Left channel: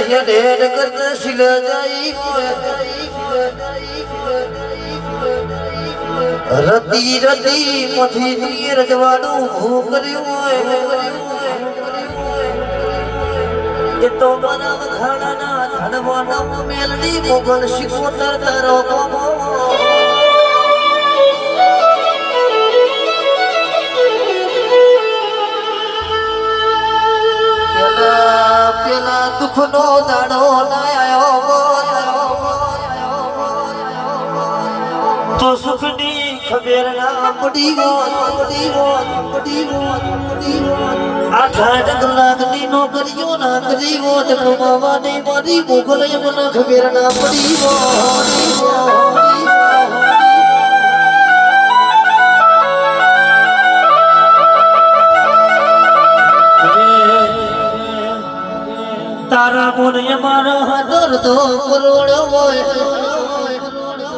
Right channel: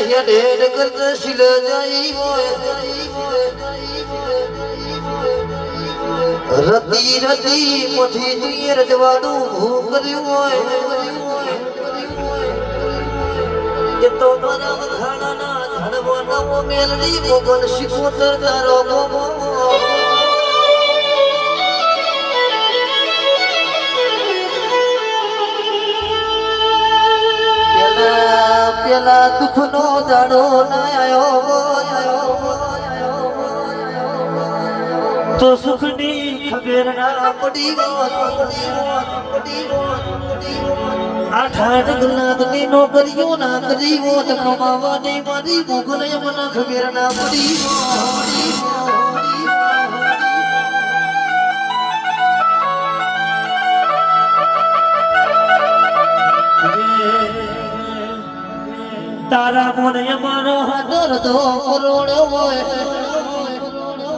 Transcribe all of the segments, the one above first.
હેડ હેડ કરતા શિલ જાય રતી રતી મથી રજવાનું ભૂ કર્યું હોય એ તો મારા વખાણાના ધનવાના મેલની મોગલ શિકોતર તારો ગમો પેલા દુઃખનો દાડો આવ્યો તો સુખની ખબર ના પડી આઠ કલાકની નોકરીઓ ના કરી હોત કમાવાની મારી મોગલ મને ખબર ના પડી તારા મોને મારા હાદર તો કરોડ હોય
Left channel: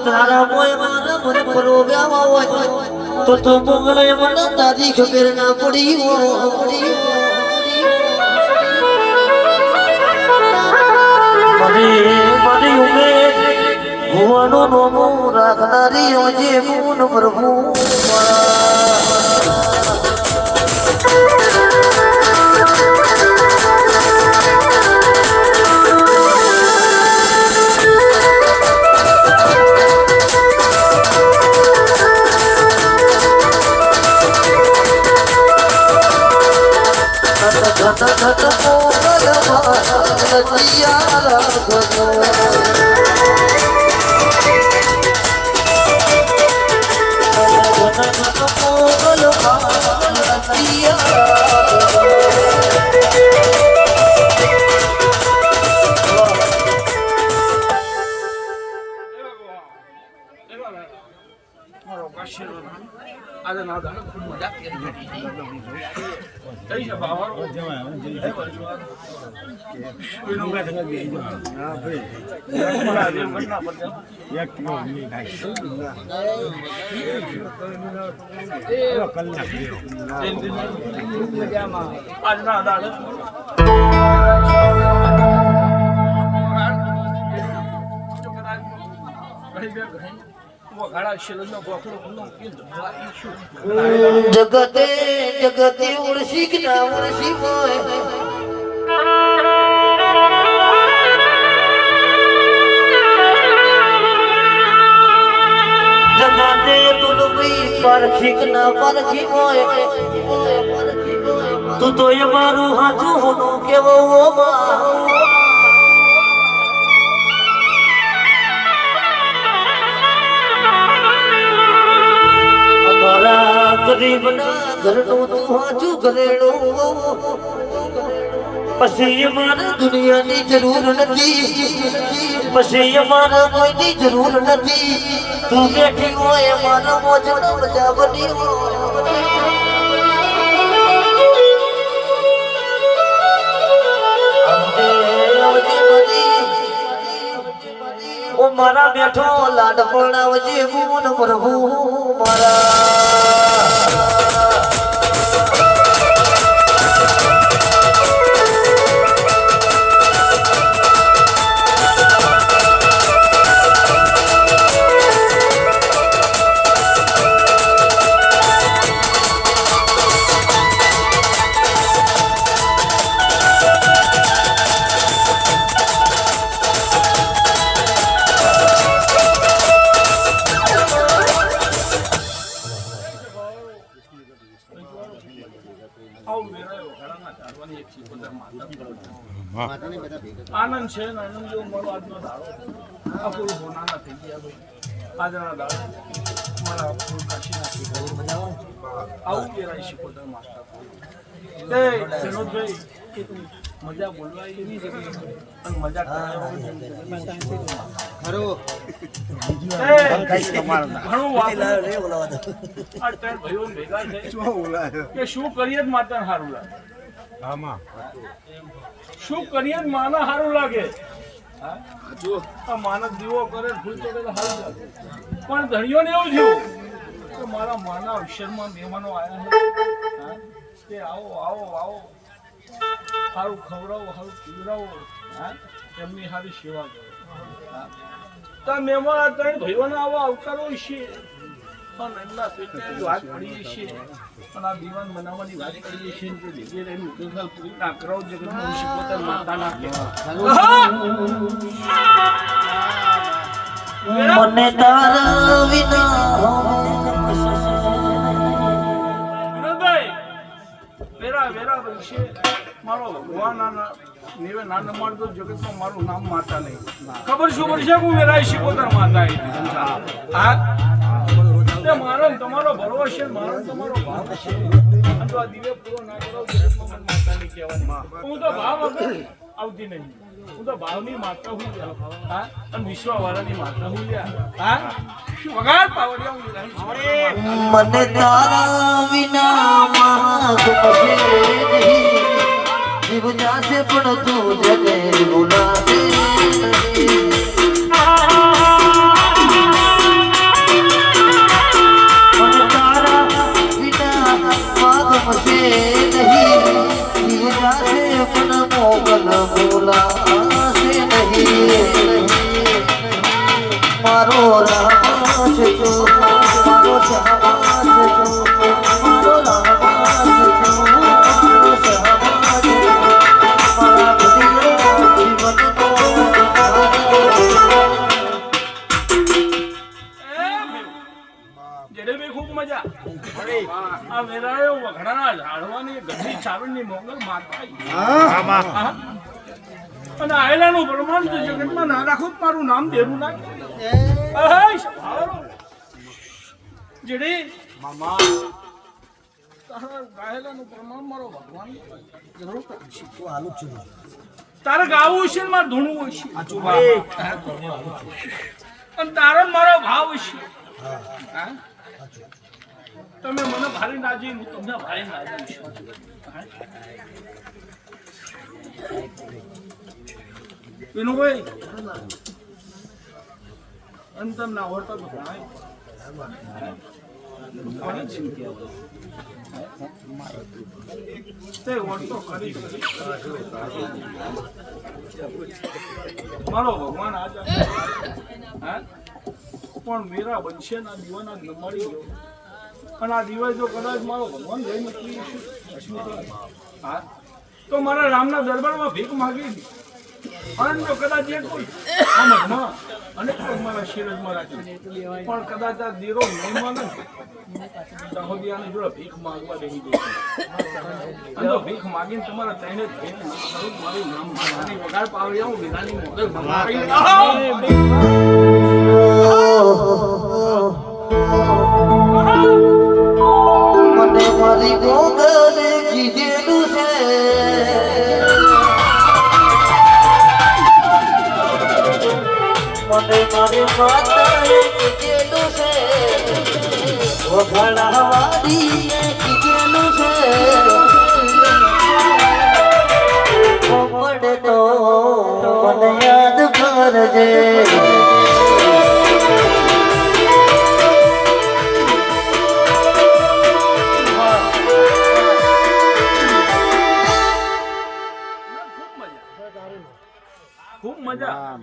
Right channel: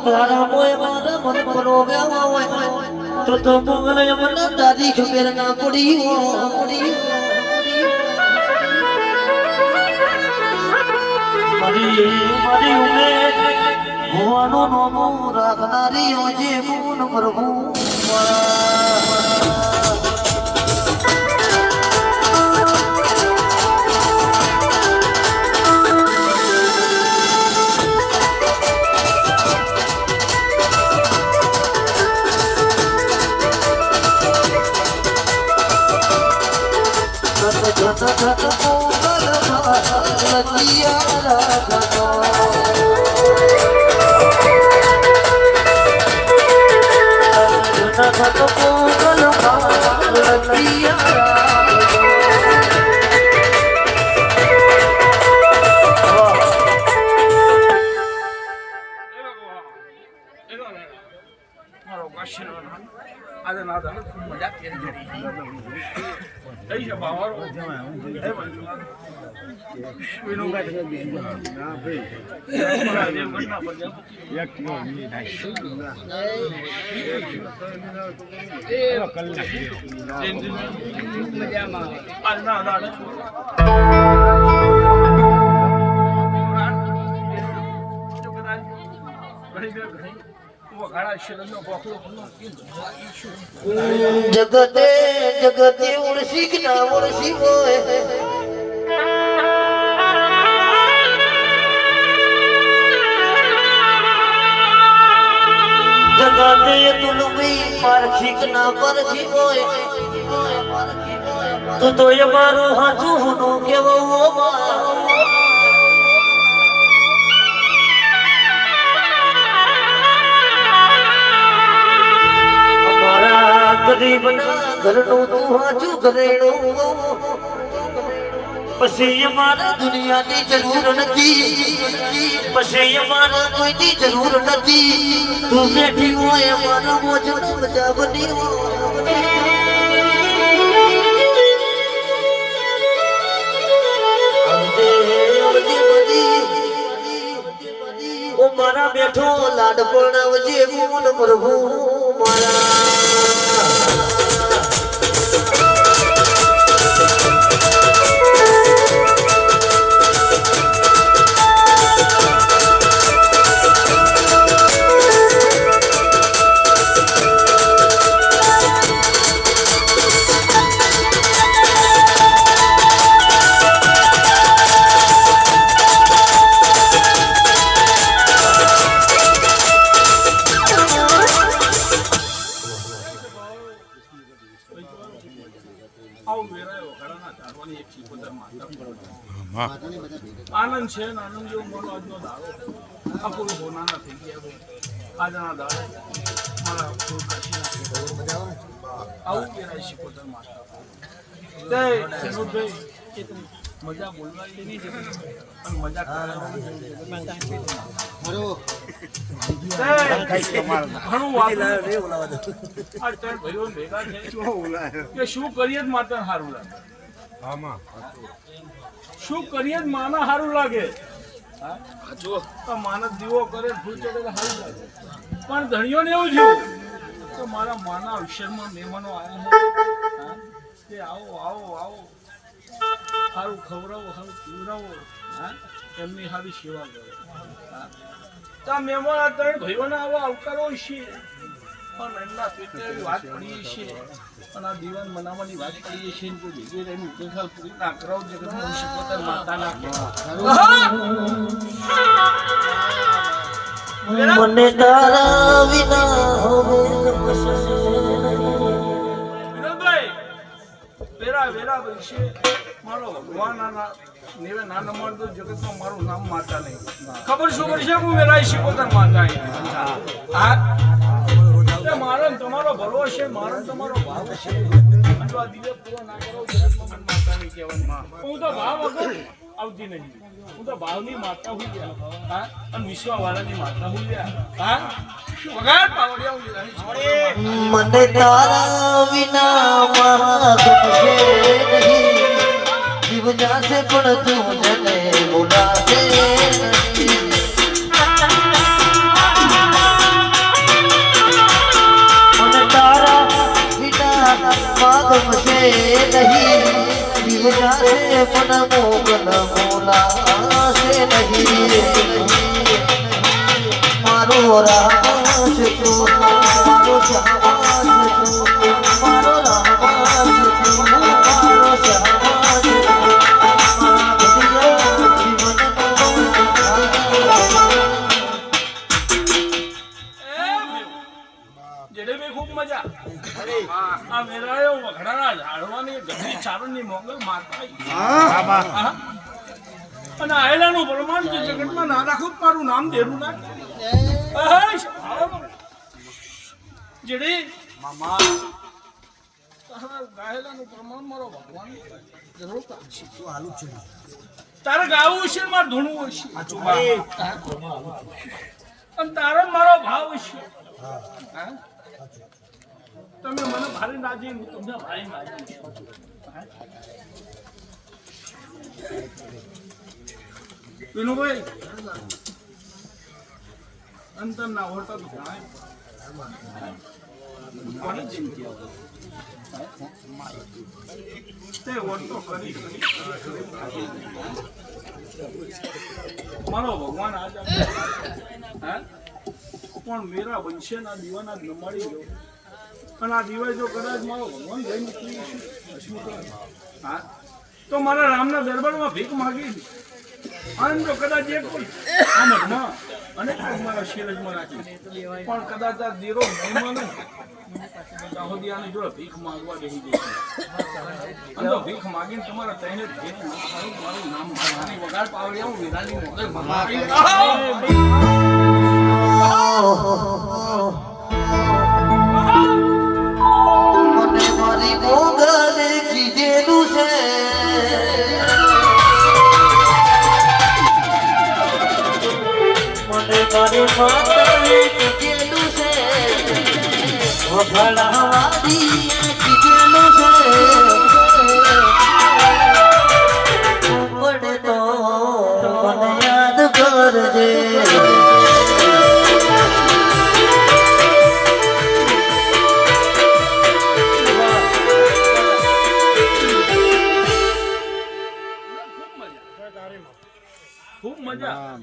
તારા મોય મારા મન પરોવ્યા હોય તો મોગલે મને તારી ખબર ના પડી મારી ઉમેદ ભુવાનો નોમો રાખનારી જે ગુણ પ્રભુ આજે ના દાડે ખૂબ મજા કરી કઈ છે બાવારો એ બનજો એનો ગાઠ ગઈ ના ભાઈ મારા જેમ ઘટના પર એક કિલો ની થાય એ કલાક મજામાં આજ ના દાડે જગતે જગતે ઉડસી કે ના ઉડસી હોય જગતે તું ભી પારખી કે ના પારખી હોય તું તો એ મારું હાચું હું કેવો ગરીબના ઘરનું તું હાચું ઘરેણું પછી અમારા દુનિયાની જરૂર નથી પછી અમારા કોઈની જરૂર નથી તું બેઠી હોય મારા મોજનો મજા બની ઓ મારા બેઠો લાડ પડાવજે ગુણ પ્રભુ આનંદ છે ને આનંદ જેવો મારો આજનો દાડો અપૂર્વ હોનાના થઈ ગયા ભાઈ આજના દાડો મારા અપૂર્વ કાશીના આવું કેરાય શીખોતર માસ્ટર તે વિનોદભાઈ મજા બોલવા એની જગ્યાએ પણ મજા કરવાની ઘણું ભાઈઓ ભેગા છે કે શું કરીએ જ માત્ર સારું લાગે શું કરીએ જ માને સારું લાગે માનસ દીવો કરે ભૂલ ચડે તો સારું લાગે પણ ધણીઓને એવું થયું કે મારા માના અવસરમાં મહેમાનો આવ્યા છે કે આવો આવો આવો સારું ખવડાવો સારું પીવડાવો હા એમની સારી સેવા કરો હા તો મેમોર આ ત્રણ ભાઈઓને આવો આવકારો છે પણ એટલા પેટે એવી વાત પડી છે અને આ દીવાન બનાવવાની વાત પડી છે કે ભેગી રહીને ઉકેલ પૂરી ના કરો જગતમાં શિકોતર માતાના કહેવા મને તારા વિના હવે વિનોદભાઈ વેરા વેરા વિશે મારો ભગવાન નેવે ના નમાડતો જગતમાં મારું નામ માતા નહીં ખબર શું પડશે હું વેરાય શિકોતર માતા હા તે મારો ને તમારો ભરવો છે મારો ને તમારો ભાવ છે અને જો આ દિવે પૂરો ના કરો જગતમાં મને માતા નહીં કહેવાની હું તો ભાવ વગર આવતી નહીં હું તો ભાવની માતા હું હા અને વિશ્વવાળાની માતા હું હા શું વગાડ પાવડિયા હું મને તારા વિના ગમશે નહીં જીવ જાશે પણ તું જને ભૂલાશે મને તારા વિના ગમશે નહીં જીવ જાશે પણ મોગલ ભૂલાશે નહીં મારો રામ છે તું મારો શ્યામ છે તું મારો રામ છે તું મારો શ્યામ છે તું મારા જીવનનો જેડે બી ખૂબ મજા આ વેરાયો વઘડાના ઝાડવાની ગઢી ચારણની મોગલ માતા અને આયલાનું પ્રમાણ તો જગતમાં ના રાખું મારું નામ દેરું ના જેડી મામા તારા ગાયેલાનું પ્રમાણ મારો ભગવાન જરૂર રાખશે તારે ગાવું છે ને મારે ધૂણવું છે અને તારો મારો ભાવ છે હા તમે મને ભારે નાજી હું તમને ભારે નાજી છું વિનુભાઈ અંતર ના હોતા તો કોની ચિંતા તે ઓળતો કરી મારો ભગવાન આજ પણ મેરા બનશે ના દીવાના ન મળી ગયો અને આ દિવસ જો કદાચ મારો ભગવાન રહી નીકળી હા તો મારા રામના દરબારમાં ભીખ માગી અને તો કદાચ એ કોઈ આમદમાં અને મારા શિરજમાં રાખી પણ કદાચ આ દીરો નહીં માને દાહોદિયાની જોડે ભીખ માગવા બેસી દે અને તો ભીખ માગીને તમારા તઈને મારું નામ મારી વગાડ પાવી આવું વિરાની મોગલ ભગવાન મને મારી મોગલે કીધેલું છે મને મારી માતાએ કીધેલું છે વખાડાવાળીએ કીધેલું છે પડે તો મને યાદ કરજે ખૂબ મજા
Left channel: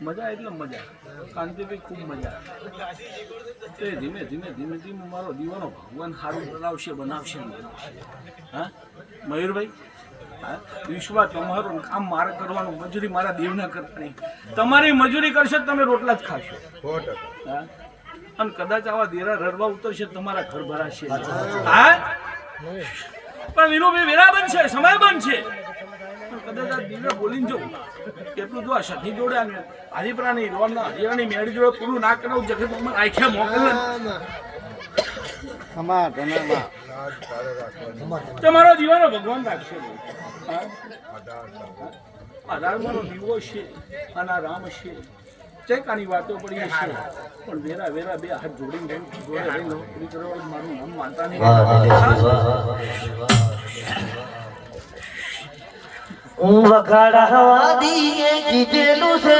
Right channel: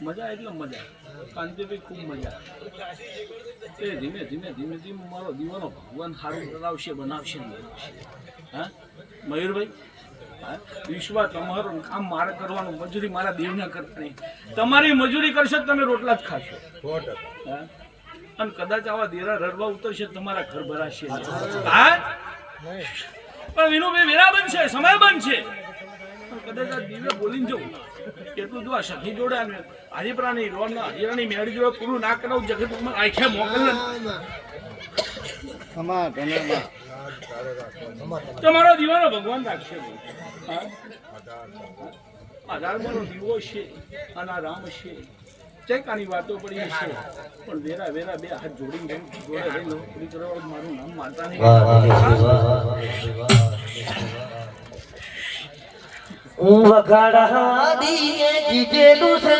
મજા એટલે મજા કાંતિભાઈ ખૂબ મજા તે ધીમે ધીમે ધીમે ધીમે મારો દીવાનો ભગવાન સારું બનાવશે બનાવશે હા મયુરભાઈ હા વિશ્વા તમારું કામ મારે કરવાનું મજૂરી મારા દેવના કરવાની તમારી મજૂરી કરશે તમે રોટલા જ ખાશો હા અને કદાચ આવા દેરા રરવા ઉતરશે તમારા ઘર ભરાશે હા પણ વિનુભાઈ વેરા બનશે સમય બનશે કદાચ આ દીવે બોલીને જવું એટલું જો આ સખી જોડે હાજીપરાની રોડના હાજીરાની મેળી જોડે પૂરું ના કરાવું જગતમાં આખ્યા મોકલે તમારો દીવાનો ભગવાન રાખશે આધાર મારો દીવો છે અને આ રામ છે ચૈકાની વાતો પડી છે પણ વેરા વેરા બે હાથ જોડીને જોડે રહી નોકરી કરવા મારું નામ માનતા નહીં વખાડાવાળીએ કીધેલું છે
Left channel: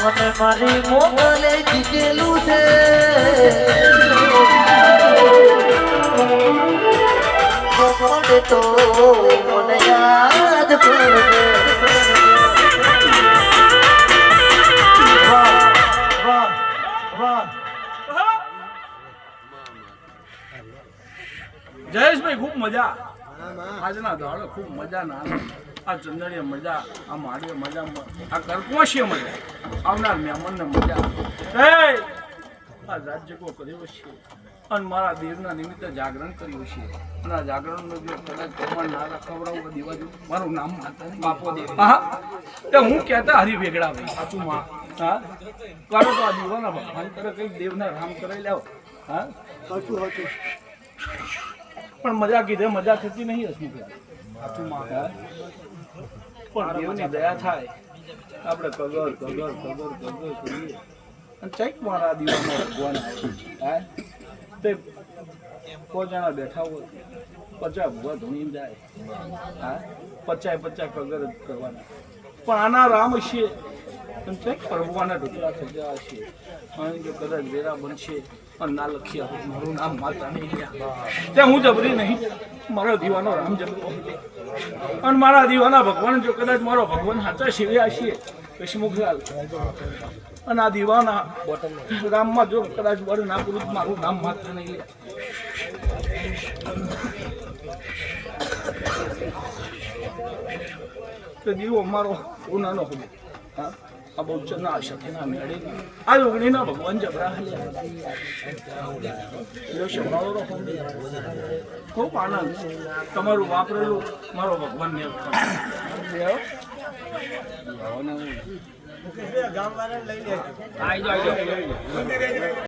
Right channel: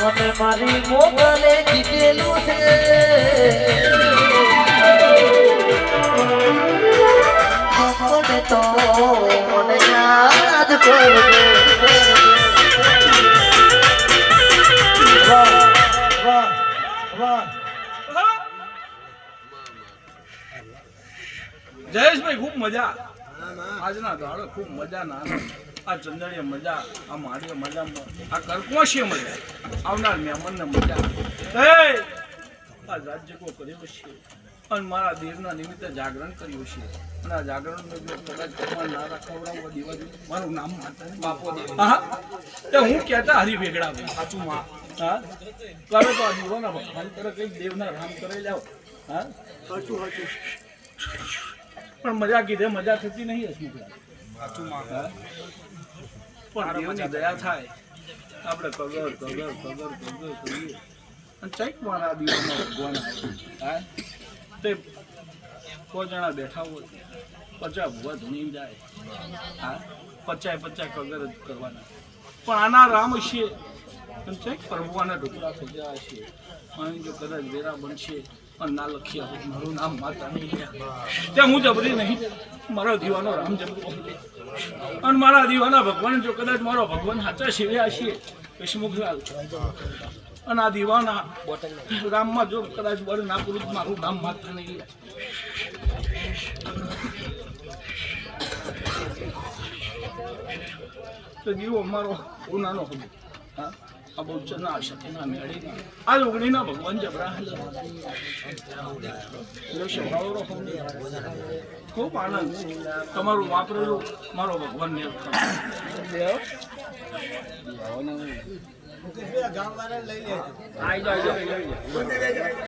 મને મારી મોગલે કીધેલું છે મોડે તો મને યાદ કરજે વાહ વાહ વાહ જયેશભાઈ ખૂબ મજા આજના દાડે ખૂબ મજા ના આ ચંદડીએ મજા આ મારીએ મજા આ કરકોશીએ મજા આવનાર મહેમાનને મજા આ રાજ્યકો કર્યો છે અને મારા દેવના નિમિત્તે જાગરણ કર્યું છે અને આ જાગરણનો જો કદાચ ભગવાન ના ખવડાવવા દેવા દઉં મારું નામ માતા બાપો દેવ હા તો હું કહેતા હરી વેગડા ભાઈ સાચું માં હા કરો તો આ દીવાના ભગવાન કરે કંઈક દેવના રામ કરી લાવો હા સાચું સાચું પણ મજા કીધે મજા થતી નહીં હસમુખ સાચું માં પણ દેવની દયા થાય આપણે કગર કગર કગર કગર કરીએ અને ચૈક મારા દીવામાં ભગવાન આવે હા તે 5 જણા બેઠા હોય 50 ભૂવા ધણી જાય હા 50 કગર જ કરવાના પણ આના રામ છે અને ચૈક પ્રભુવાના ઢોકળા થઈ ગયા છે અને જો કદાચ વેરા બનશે અને ના લખ્યા હોય મારું નામ માતા નહીં ત્યાં હું જબરી નહીં મારો દીવાનો રામ જબરો અને મારા દીવાના ભગવાન જો કદાચ મારો ભગવાન સાચા સેવ્યા છીએ હસમુખલાલ અને આ દીવાના રામમાં જો કદાચ બળ ના પૂરું મારું નામ માતા નહીં તો દીવો મારો ઉનાનો હતો હા આ બહુ ચના સાથેના મેળીના આ ઓગણીના ભગવાન જબરા ખૂબ આનંદ તમારું વાપરેલું મારો ભગવાન ને આવી જાઓ